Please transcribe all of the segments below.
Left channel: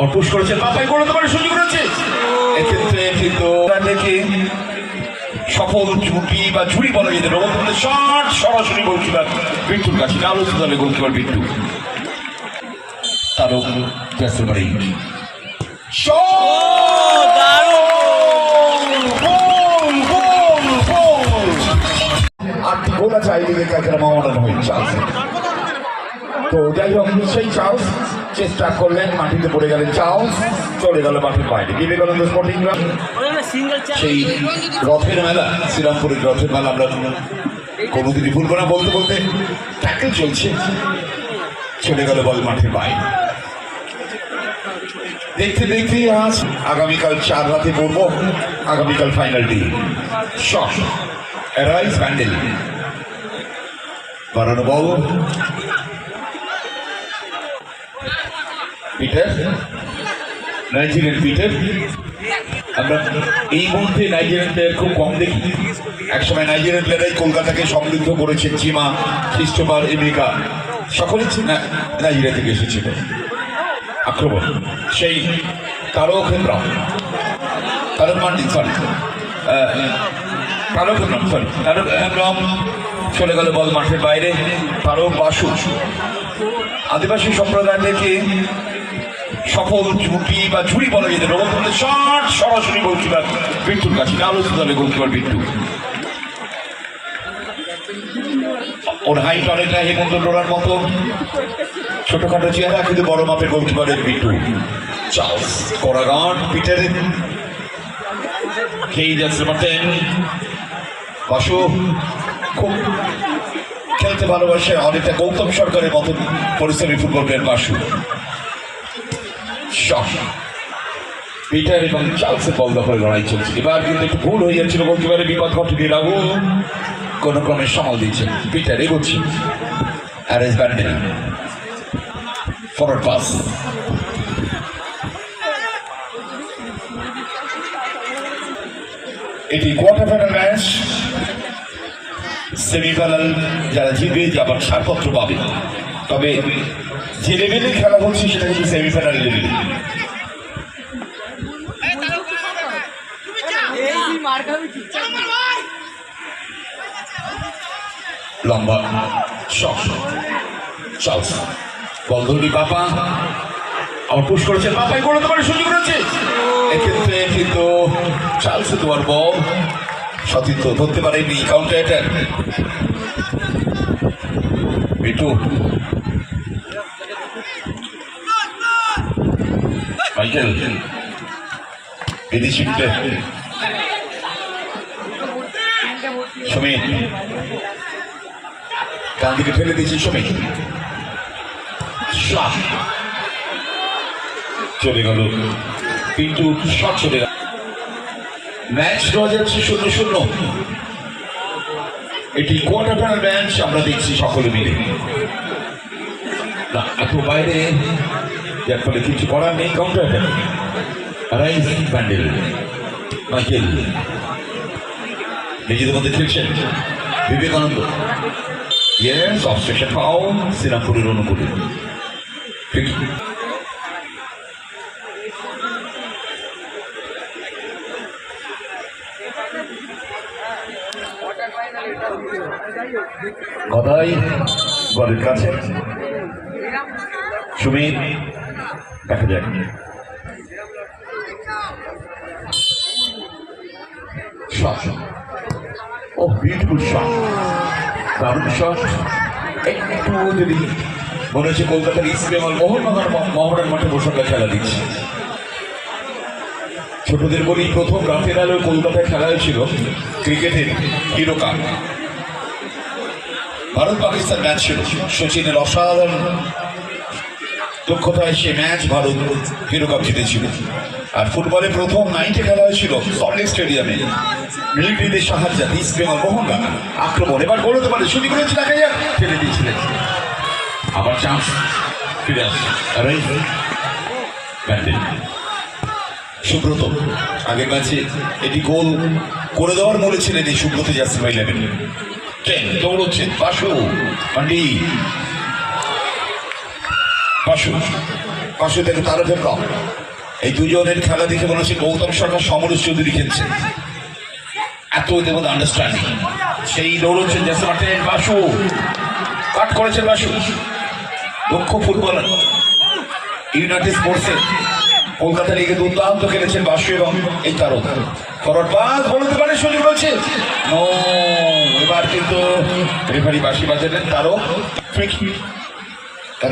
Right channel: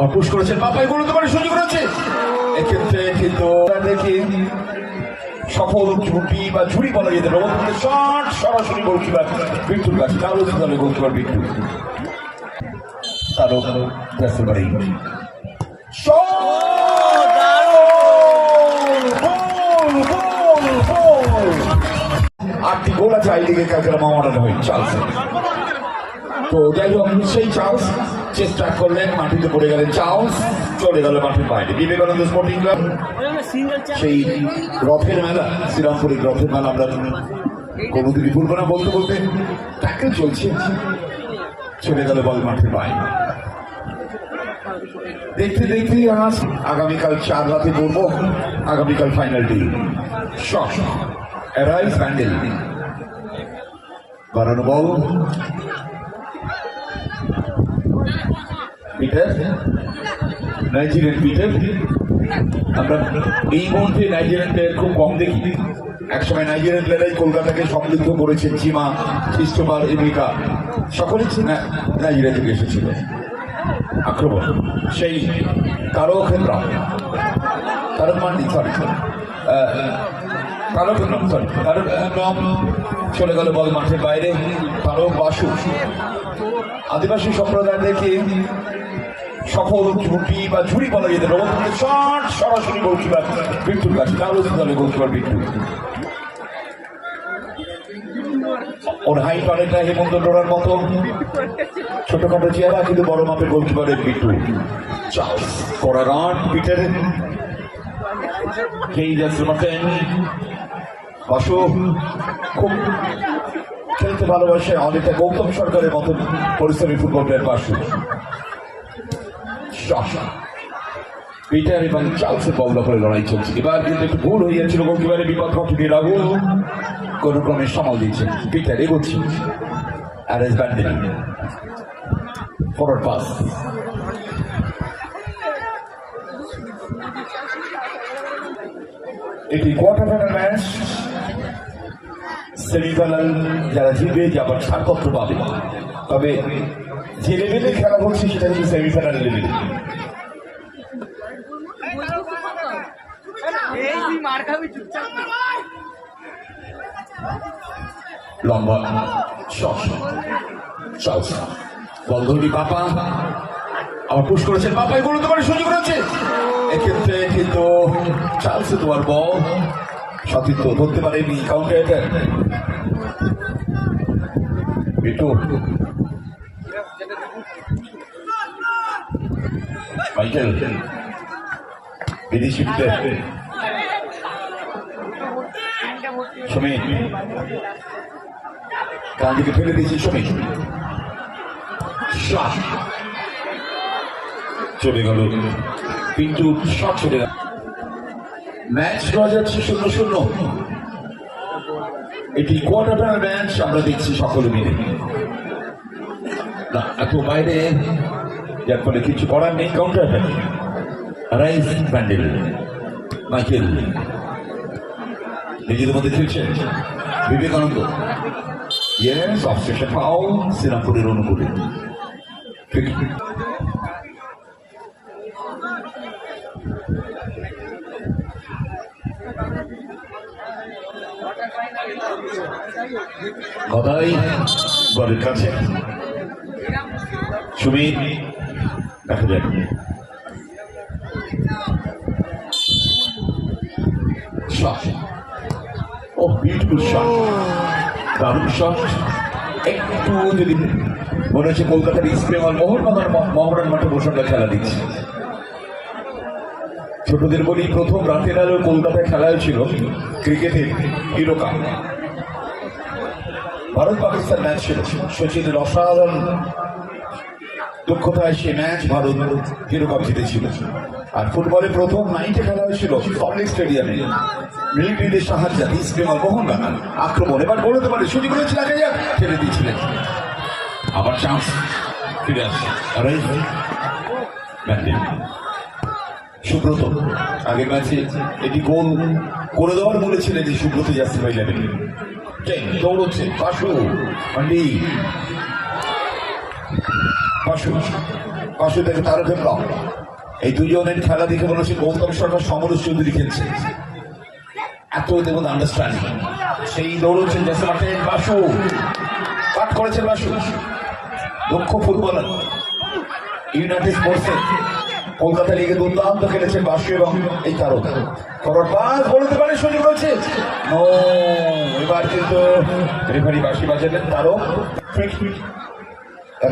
আমার পুশ করেছেন মাথায় করে তোমার সুযোগ রয়েছে এক্ষেত্রে কিন্তু দেখে সফল ঝুঁকি বা ঝুড়ি বলা যেতে পারে শট সরাসরি গোলকিপার বিট্টুর কাছে আলোচিত দলে গোলকিপার বিট্টু তারও ব্যস্ত বাড়ি আটটি গোল আছে আই লিগের কাছে মামাটানো হয়ে চান্স তো যাই হোক সেই চান্স চেষ্টা করলেন মাটিতে পড়ে গেলেন চান্স চলে গেল মাটির বাইরে বিবেকানন্দ স্পোর্টিং ক্লাব সেই রথের মেলা শ্রীরামপুরের রথের মেলা আমরা কোনোদিনই ভুলবো না বলতে বলতে ট্যাকেল চলছে চলে গেল বল মাঠের বাইরে দেখতে দেখতে আজ আগামীকাল 4 রাতে পড়বো আগামীকাল final day shot arise handle বাড়ানো বল পিটার নাইজেরিয়ান পিটার আমরা এই মুহূর্তে নাইজেরিয়ান প্লেয়ার খুব কম দেখি একসময় নাইজেরিয়ান প্লেয়ারাই কলকাতাকে সমৃদ্ধ করেছেন চিমা খ্রিস্টোফার এমেরিকা সকলেই নাইজেরিয়া থেকে এসেছিল আক্রমণ সেই তারক হেমব্রম তারক মান্ডিন সরি তারক হেমব্রম সরি তারক হেমব্রম চলে গেল বল মাঠের বাইরে তারক বাসু আদিবাসী সম্প্রদায় থেকে সফল ঝুঁকি বা ঝুড়ি বলা যেতে পারে শট সরাসরি গোলকিপার বিট্টুর কাছে আলোচিত দলে গোলকিপার বিট্টু ওর হাইট অনেকটা হেমন্ত ডোরার মতো ছোটখাটো চেহারা কিন্তু বড় মাপের গোলকিপারের বিট্টু চার্লস কোরাগান পিটারের খেয়ে যাচ্ছে মাঠেন বসু খুব খেলতে ভালোবাসে অনেকটা গৌতম সরকারের মতো পরিশ্রমী ফুটবল প্লেয়ার বাসু পিটার এবং চার্লসের বল দখলে লড়াই চলছে এবার কিন্তু একটু ভুল হয়ে যাচ্ছিল গোলকিপারের বিপদ ঘটে রাখু কোন ক্রমে সামাল দিচ্ছে পিটার এগোচ্ছে অ্যারেজ ব্যান্ডেল ফরওয়ার্ড পাস এটি কোয়ার্টার ফাইনাল ম্যাচ সেমিফাইনাল যারা জিতবে যাবার ছাড়পত্র পাবে তবে যে লেভেলে খেলা হচ্ছে সেটা কিন্তু সেমিফাইনাল লেভেলে লম্বা বল ধরি পাপা আমার পুশ করেছেন পাপায় করে তোমার সুযোগ রয়েছে এক্ষেত্রে কিন্তু চার্লস তোমার বল সতীর্থ ধরতে পারেনি কাউন্টার অ্যাটাক বিটু মাইকেল বিদেশি সুমিত ডান দিকে ফেলে দিয়েছে সুমিত চলে গেল কিন্তু শট চলে গেল ম্যাচ ড্র যাচ্ছে 0-0 এটি কোয়ার্টার ফাইনাল ম্যাচ আমরা দেখছি সকলে মিলে না এত বাইরে যার ফলে কিছু করার নেই কাউন্টার রাইজ ব্যান্ডেল মাইকেল নিজেদের মধ্যে খেলছেন বিবেকানন্দ ইয়েস অবস্ট্রাকশন ফাউল শ্রীরামপুরের অনুকূলে গদাই বলের কাছে সুমিত দেখা যায় ও বিউটিফুল শট দারুণ শট একটু যদি মনে হচ্ছে কলকাতার ইস্ট বেঙ্গল মোহনবাগান মাঠে বসুন্ধরা খেলা দিচ্ছে ছোটদের বলি প্রথম রাতের আলো কলকাতায় খেলা হয়েছিল ক্রিকেটের hero cup Bharat Pakistan match ছিল সচিনের অসাধারণ দক্ষতায় সে ম্যাচ ভারত হিরো কাপ জিতেছিল আর ফুটবলে প্রথম নাইটে খেলা হয়েছিল সল্টলেক স্টেডিয়ামে মিলিটারিদের সাহায্যে ইস্ট বেঙ্গল মোহনবাগান আক্রমণ এবার বলতে পারে সুযোগ রয়েছে না ফেলে দিয়েছিলেন আবার চান্স ফিরে আসছে সুব্রত আগের ম্যাচে এটি গোল করে দেওয়ার বলেছিলেন এই সুব্রত জাসিম 11 দৌড়চ্ছেন পাশু পান্ডি পাশু পাশে থেকে তারকের কম। এই দুজনের খেলা দেখে মনে হচ্ছে গৌতম সরকার সমরেশ চৌধুরী খেলছে, এত ওদের মধ্যে আন্ডারস্ট্যান্ডিং। সেই দৌড়চ্ছেন জাসে মাঠে, বাসু কাট করেছেন, বাসু দক্ষ ফুটবলার, ইউনাইটেড স্পোর্টসে কলকাতা লিগে দুর্দান্ত খেলেছেন বাসু এবং এই তারক। ফরওয়ার্ড পাস বলতে পারে, সুযোগ রয়েছে, নো, এবার কিন্তু রেফারি বাঁশি বাজালেন। তারক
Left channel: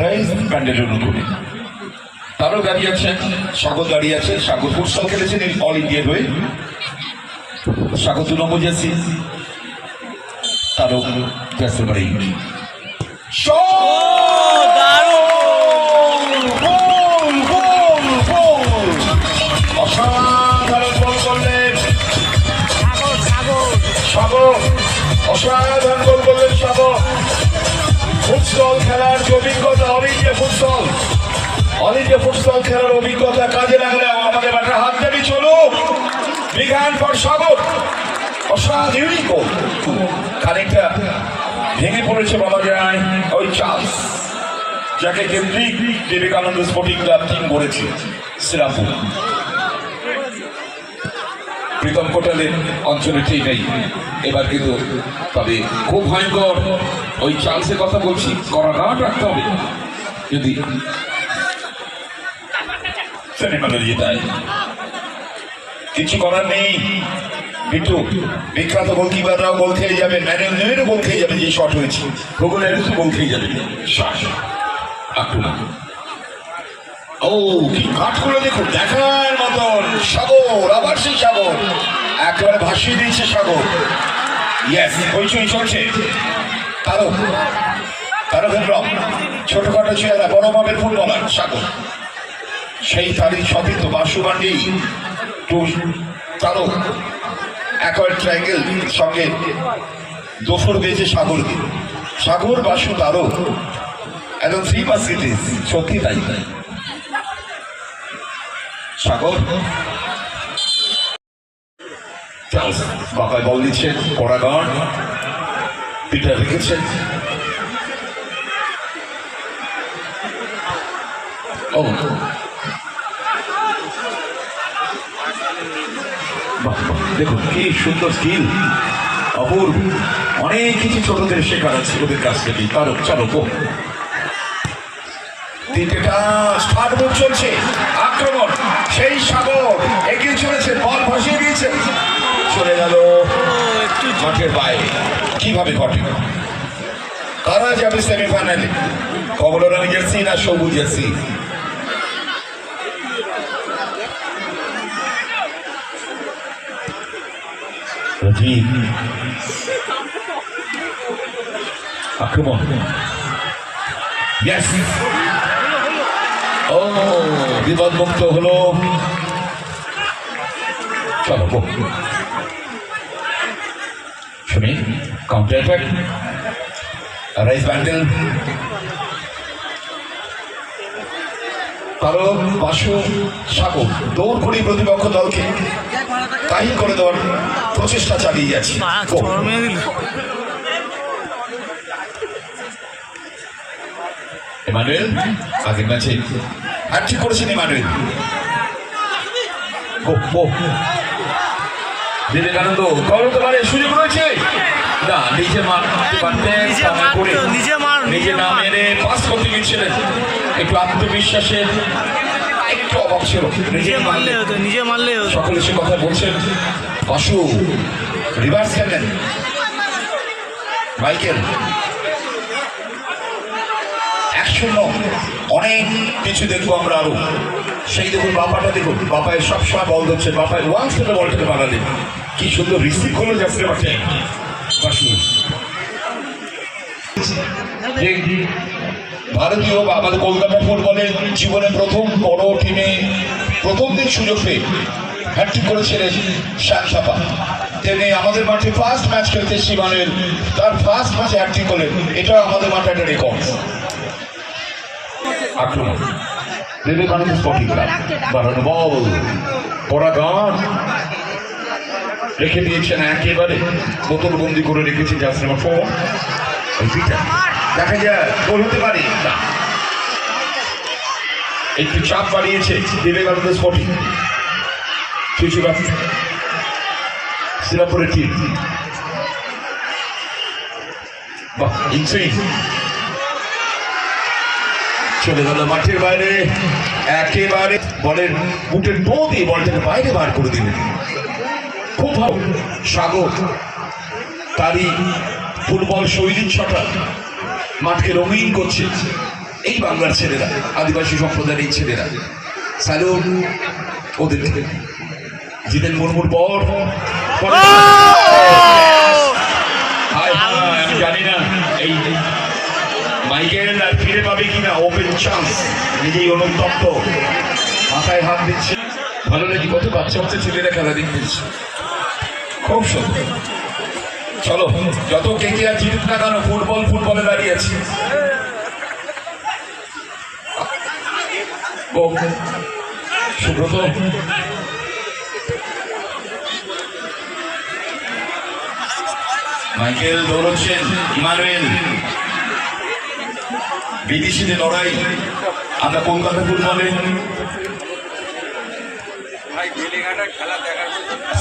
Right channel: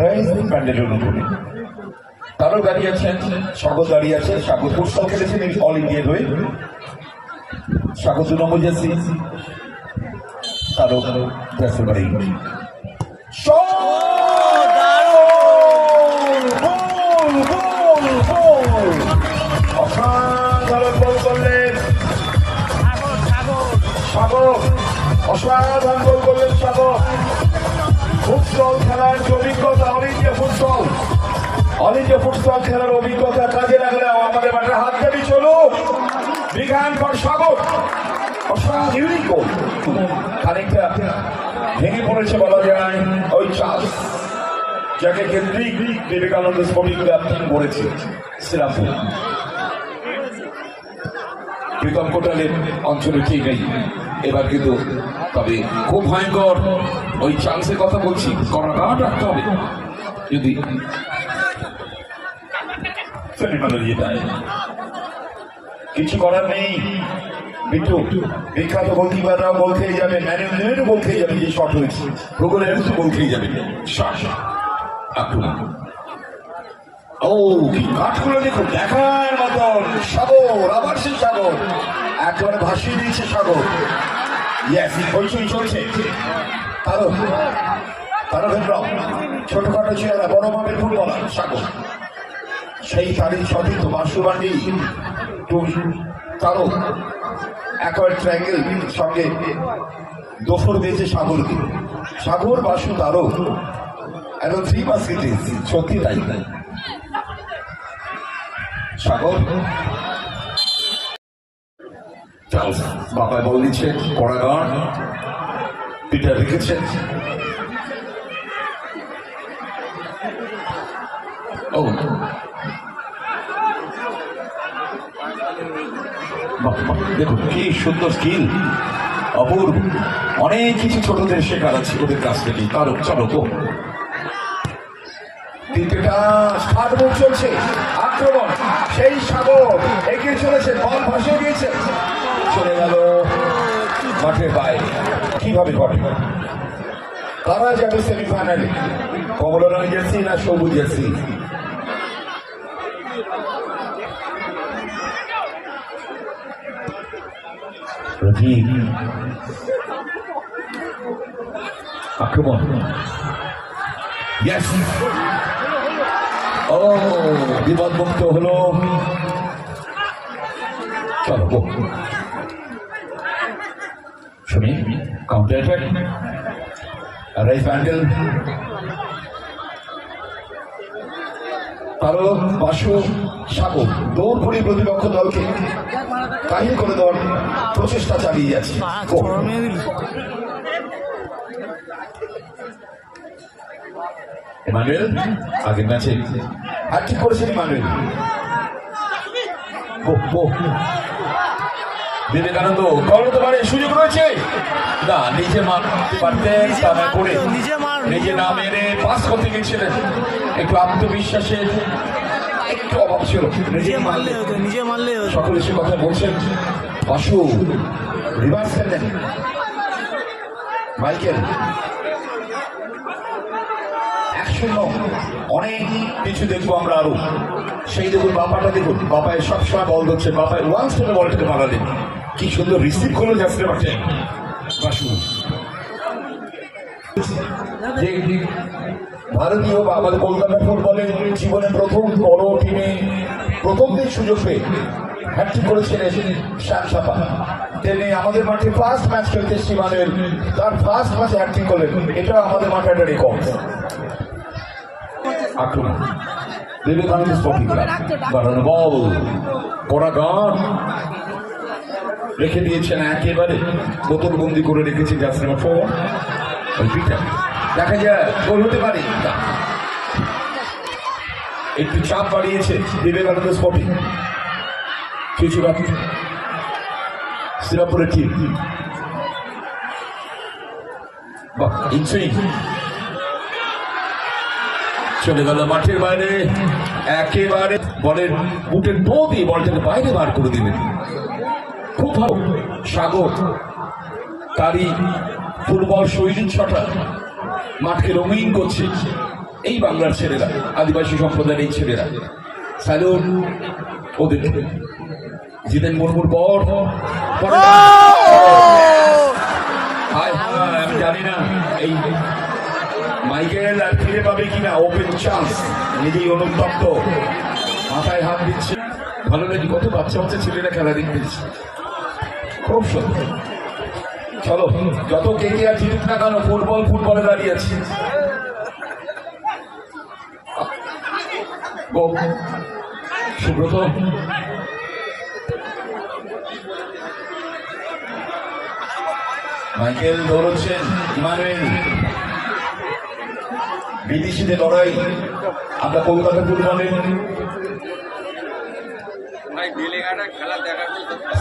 রাইস প্যান্ডেল অনুকূলে, তারও দাঁড়িয়ে আছেন, স্বাগত দাঁড়িয়ে আছে। স্বাগত ফুটসল খেলেছেন অল ইন্ডিয়ার হয়ে, স্বাগত 2 নম্বর জার্সি, তারও জার্সি বাড়ি। অসাধারণ বল করলেন স্বাগত, অসাধারণ বল করলেন স্বাগত। ফুটসল খেলার যে অভিজ্ঞতা, অল ইন্ডিয়া ফুটসল খেলার অভিজ্ঞতা কাজে লাগলে আমাদের মাঠে হাত দাবি চলুক। বিজ্ঞান পর স্বাগত, অসাধারণ গোল, খানিকটা ভেঙে পড়েছে বলা যায় ওই চার্লস, যাকে কেন্দ্রিক বিবেকানন্দ স্পোর্টিং ক্লাব টিম করেছে শ্রীরামপুর। প্রীতম কোটালের অঞ্চলে ঠিক নেই এবার, কিন্তু তবে খুব ভয়ঙ্কর ওই চার্লসের কথা বলছি, কড়া রাখতে হবে যদি সেমিফাইনালে জেতায়। কিছু করার নেই, বিট্টু বিখ্যাত গোলকিপাররাও গোল খেয়ে যাবে, ম্যানুয়েল নয়েরও গোল খেয়ে যাবে, যে শট হয়েছে গুগলের গোল খেয়ে যাবে। ও কি কাঠগুলো দেখুন, দেখার মতন। সাগর, আবার সেই সাগর একেবারে ভাসিয়ে দিয়েছে সাগর। ইয়েস, হইচই চলছে। তারক, তারকের রং ছোটখাটো চেহারা, বড় মাপের ফুটবলার সাগর, সেই তারই সতীর্থ বাসু বান্ডি টু তারক, একবার ট্রায়াঙ্গেল সঙ্গে দোসর পেয়েছে সাগরকে। সাগর, বাসু, তারক একদম 3 বাস্কেটিস, সত্যি তাই। সাগর বাঁকায় বল দিচ্ছে, কড়া গান পিটা রেখেছেন। ও দেখুন কি সুন্দর স্কিল, অপূর্ব, অনেক কিছু ছোটদের শেখার আছে ওদের কাছ থেকে। তারও চলো তো, তিনটেটা স্টার্ট মুভ চলছে, আক্রমণ, সেই সাগর এগিয়ে চলেছে, বল ভাসিয়ে দিয়েছে, চলে গেল মাঠের বাইরে। কিভাবে ঘটে? কারা যাবে সেমিফাইনালে? কমলা রঙের জার্সি না সবুজ জার্সি? আক্রমণ, ও বিপদমুক্ত হলো। চলো শুনি, কাউন্টার অ্যাটাক, রাইস ব্যান্ডেল, তারও বাসু, সাগর দৌড় করে প্রতিপক্ষ দলকে কাহিল করে দেওয়ার প্রচেষ্টা চালিয়ে যাচ্ছে। ইমানুয়েল আগের ম্যাচে হ্যাটট্রিক করেছেন ইমানুয়েল। বিবেকানন্দ দৌড়তে পারে, সুযোগ রয়েছে না, নিজে মারতে পারতেন, নিজে না মেরে পাস করতে গিয়েছিলেন। একটু আত্মবিশ্বাসের একটু অভাব ছিল, নিজে মারলে হতো। সকলে সে কথা বলছেন। বাসু রিভার্স খেলেন, মাইকেল 1-0। অনেক কিছু দেখবো আমরা আরো। সেই দেখুন বাপাটা, দেখুন বাপায় সবসময় বল দিচ্ছে, বাপায় ওয়ান্স করে বলটাকে বাগালেন, কি সুন্দর রিসিভ করলো যাচ্ছে মাঠে বাসু। ভারতীয় বা আমাদের কলকাতা ফুটবলের জীবনে প্রথম বড় টিমে প্রথম দিন সুযোগ পেয়ে হ্যাটট্রিক করেছিলেন শ্যাম সাপা। তেমনি আমাদের মাঠে ফার্স্ট ম্যাচ খেলতে শিবানের তার ফার্স্ট ম্যাচে হ্যাটট্রিক করলেন, এটাও আমাদের মাঠে একটা রেকর্ড। আক্রমণ, বিবেকানন্দ স্পোর্টিং ক্লাব, বাড়ানো বল, পড়া গান রেখে দিয়েছেন, একেবারে বোতলবন্দি করে রেখেছে জার্সি নাম্বার 4। দেখা যায় গোল হতে পারে। একটু চাপ বাড়িয়েছে বিবেকানন্দ স্পোর্টিং চুচুড়া শ্রীরামপুরের টিম। বাহ, ইনসুইং চলে গেল মাঠের বাইরে, একেবারে বলের বুটের টো দিয়ে বলটাকে বাইরে বার করে দিলেন। খুব ভালো সাগর, তারই ফুটবল শৈলীর ছটা মাঠকে রঙিন করছে এই বাংলার ছেলেরা, আদিবাসী সম্প্রদায়ের এই ছেলেরা। স্যালুট ওদের। জিতেন মুর্মুর বল, জানি না এই মাইকেল আর ফিরে পাবে কিনা। ওপেন চান্স, নিজেই অনুতপ্ত, মাথায় হাত দিচ্ছে। ভালো লাগে, কত বাচ্চা বাচ্চা ছেলেরা খেলা দেখতে, খুব সুন্দর। চলো, যত কেকেআর জিতুক না কেন, ফুটবল ফুটবলে দাঁড়িয়ে আছে। সুব্রত মাইকেল দৌড়চ্ছেন, ইমানুয়েল। বিদেশিদের লড়াই আমরা কলকাতা ফুটবলে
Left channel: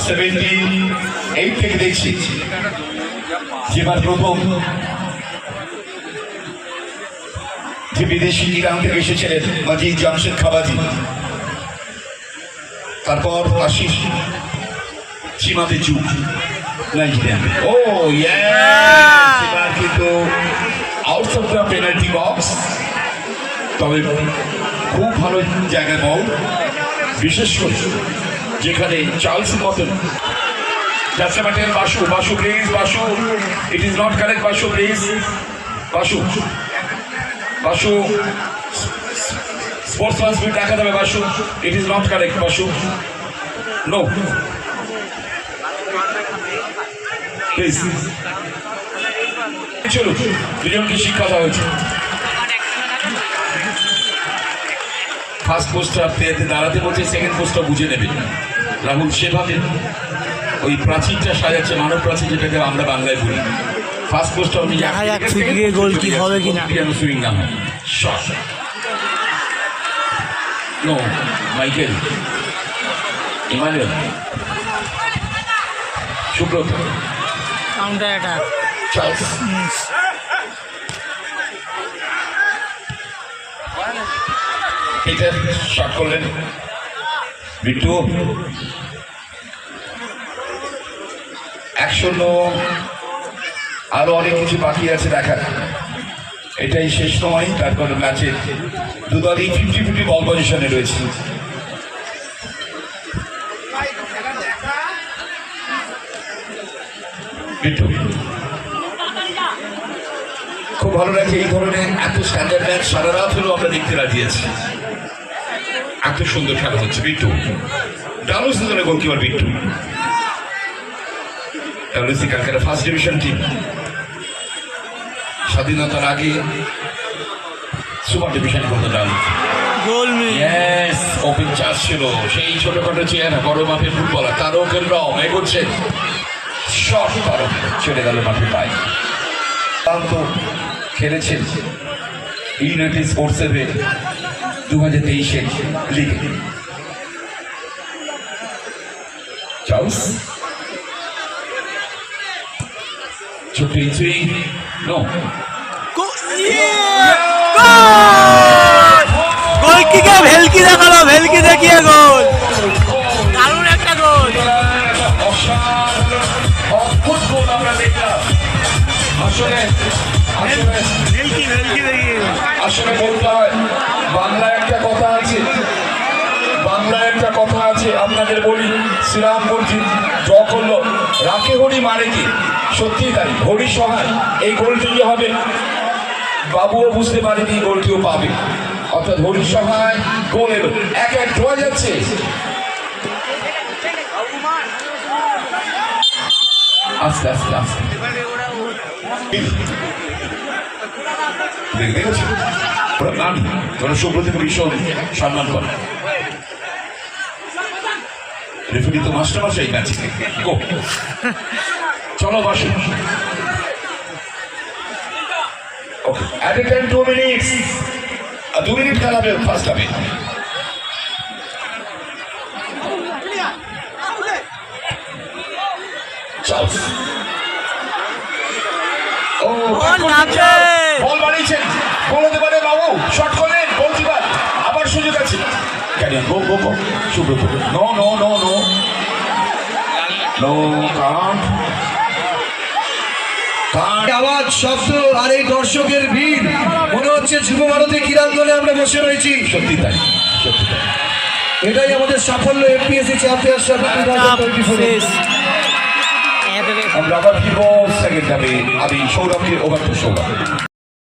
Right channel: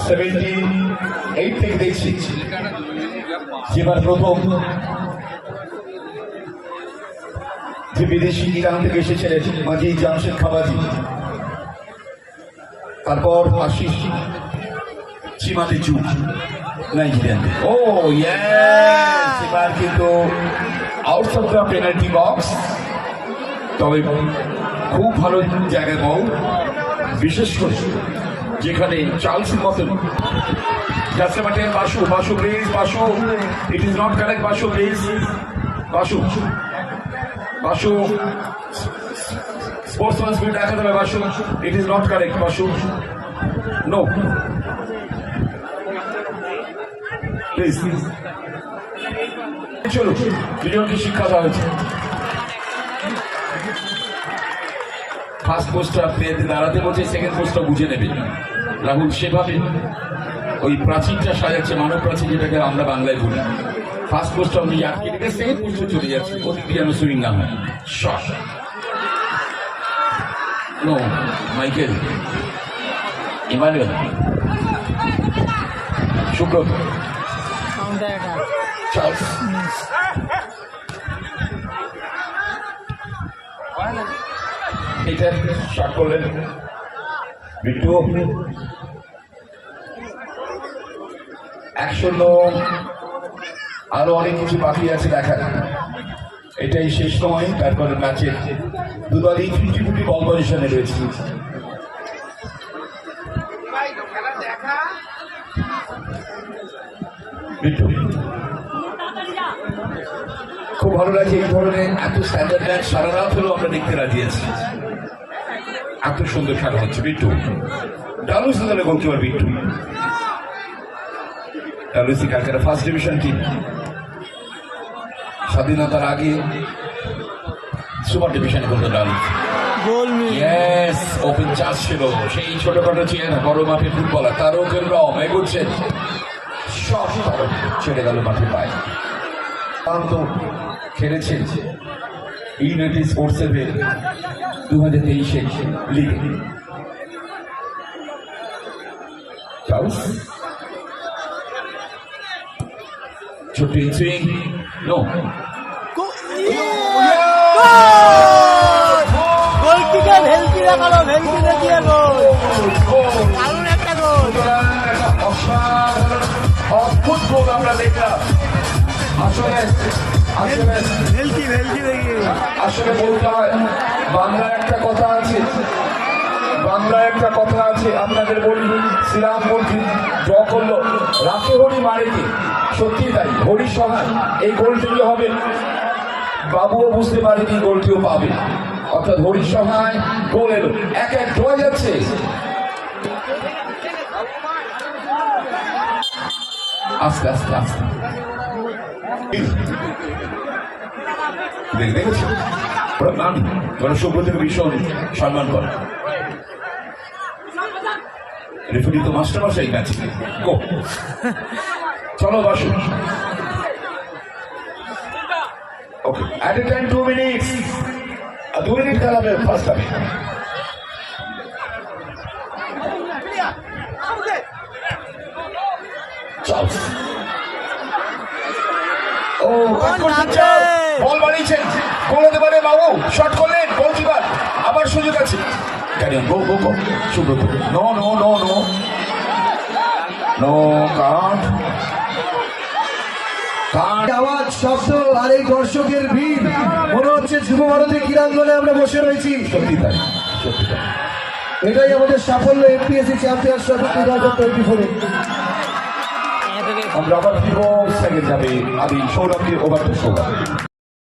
78 থেকে দেখছি। যেবার প্রথম যে বিদেশি ইরান থেকে এসেছিলেন মাজিদ জামশেদ খাবাজি, তারপর আশিস সীমাতে চুপ নাইজেরিয়ান। ও এবার কিন্তু out of the penalty box, তবে খুব ভালো জায়গায় বল, বিশেষ করে যেখানে চার্লসের মতন যাচ্ছে মাঠের। Basu, Basu please, Basu, it is not correct. Basu please, Basu, Basu sports transmit দেখা যাবে। Basu, it is not correct. Basu, no please. চলো, দুজনকে শিক্ষা দেওয়া হয়েছে। ফার্স্ট পোস্টটা দাঁড়াতে বলছে, সেকেন্ড পোস্টটা বুঝে নেবে। রাহুল সেভাবে ওই প্রাচীরটা সাজাচ্ছে, মানব প্রাচীর, যেটাকে আমরা বাংলায় বলি। ফার্স্ট পোস্টটা উনি সুইং গাম shot. No, Michael, Emmanuel, Subrata, counter attack, Charles. এটা শট করলেন বিট্টু। 1-0। আরো অনেক কিছু বাকি আছে দেখার, এটাই শেষ সময়। তারপর ম্যাচে দুদলই 50-50 বল পজিশনে রয়েছে। বিট্টু খুব ভালো লাগে এই ধরনের এত স্ট্যান্ডার্ড ম্যাচ, সারা রাত হলেও আমরা দেখতে রাজি আছি। এত সুন্দর খেলা হচ্ছে। বিট্টু ডালুসি দলের goalkeeper Bittu. Dalhousie Calcutta first division team, স্বাধীনতার আগে সুপার ডিভিশন করতে ডালুসি। ওপেন চার্জ ছিল, সেই ছোটখাটো চেয়ার বড় মাপের ফুটবলার তারক রম এগোচ্ছেন। শট তারক চলে গেল মাঠে পায়। তো খেলেছেন ইউনাইটেড স্পোর্টসের 2023 লিগে। চার্লস ছোট ইনসুইং, নো গোল কিকে ভেলকি দেখালো, ভেলকি দেখিয়ে গোল, দারুণ একটা গোল। ফুটবল আমরা দেখলাম, আসলে ভেলকি ভেলকি দেখিয়ে গোল। আসলে বলতে হয়, বাংলা একটা কথা আছে, বাংলা একটা কথা আছে, আপনাদের বলি। শ্রীরাম মূর্তি জ করলো, রাখে হরি মারে কি, সত্যি তাই। হরি সহায় এই গোলটি যে হবে, বাবুও বুঝতে পারেনি গোলটিও পাবে, অর্থাৎ হরি সহায় গোল এলো। 1-1 ড্র যাচ্ছে। আস্তে আস্তে আস্তে দেখেছি সুব্রতকে ভীষণ সম্মান করে। রেফারি তো মাস্টার মশাই ম্যাচ। চলো Basu. Okay, at a time 2 minutes, 2 minute খেলাবে ফার্স্ট হাফে। গোল নামছে। বল বাড়িয়েছেন, গোল হতে পারে বাবু, শট করলেন, গোলকিপার আবার সুযোগ আছে। Career go go go, Subrata no no no no no cut cut. আওয়াজ, শব্দ আর এই দর্শকের ভিড়, মনে হচ্ছে যুব ভারতী ক্রীড়াঙ্গনে আমরা বসে রয়েছি। সত্যি তাই, সত্যি তাই। এটাই আমাদের সাফল্য এপিএসসি চ্যাম্পিয়নশিপ 2024। আমরা আবার ফিরবো সেকেন্ড যাবে, আমি সৌরভকে ওভার টু সৌরভ।